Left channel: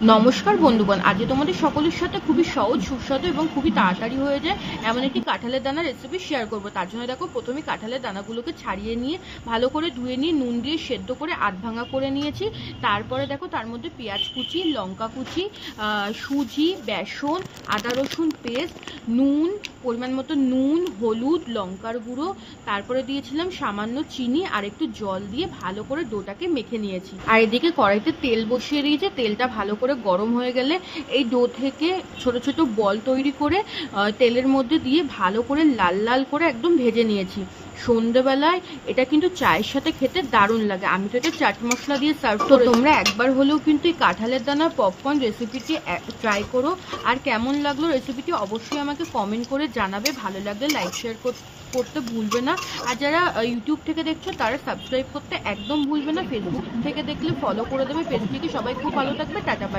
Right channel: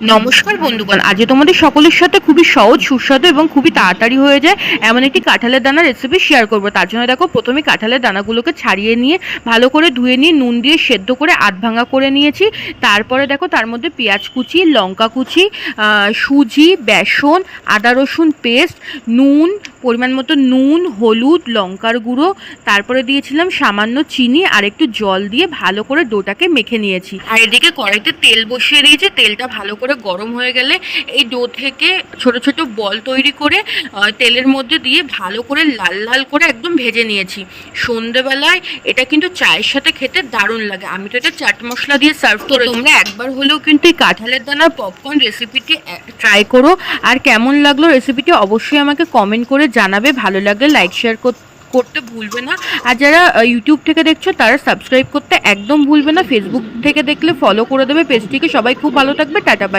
নমস্কার বন্ধুগণ, আজ তোমাদের সকলের সাথে খুবই সহজ, সুস্বাদু এবং খুবই তাড়াতাড়ি হয়ে যায় এমন একটি কাঁঠালের দানা রেসিপি শেয়ার করব। তার জন্য দেখো, প্রথমে কাঁঠালের দানাগুলোকে ছাড়িয়ে নিয়ে ভালো করে ধুয়ে নিয়ে নুন দিয়ে সেদ্ধ করে আধ ভাঙা করে নিয়েছি। তারপরে দেখো, তার মধ্যে পেঁয়াজ কুচি, লঙ্কা কুচি, সুজি, বেসন, আদা রসুন পেস্ট, নুন, পরিমাণ মতো নুন, হলুদ, লঙ্কার গুঁড়ো, তারপরে দিয়েছিলাম সামান্য চিনি আর একটু জল দিয়ে ভালো করে ডোটাকে মেখে নিয়েছি। আর এদিকে কড়াইতে তেল বসিয়ে দিয়েছি। তেলটা ভালো করে গরম হয়ে গেলে এই ডো থেকে ছোট ছোট বল তৈরি করে তেলের মধ্যে দিয়ে ভালো করে লাল লাল করে একদম ভেজে নিয়েছি। সন্ধেবেলায় এটা কিন্তু চায়ের সাথে খেতে দারুণ লাগে। আমি তো এটা চাট মশলা দিয়ে সার্ভ করি। তোমরা একবার হলেও কিন্তু এই কাঁঠালের দানার পপকর্ন রেসিপিটি ট্রাই করো। আর কেমন লাগলো রেসিপিটি অবশ্যই আমাকে কমেন্ট করে জানাবে। ভালো লাগলে লাইক শেয়ার করতে ভুলবে না। আর যারা ইউটিউব থেকে দেখছো তারা সাবস্ক্রাইব করতে একদম ভুলবে না। ফেসবুক থেকে দেখলে ফলো করে দেবে পেজটিকে। সবাই খুব ভালো থাকবে। Tata bye.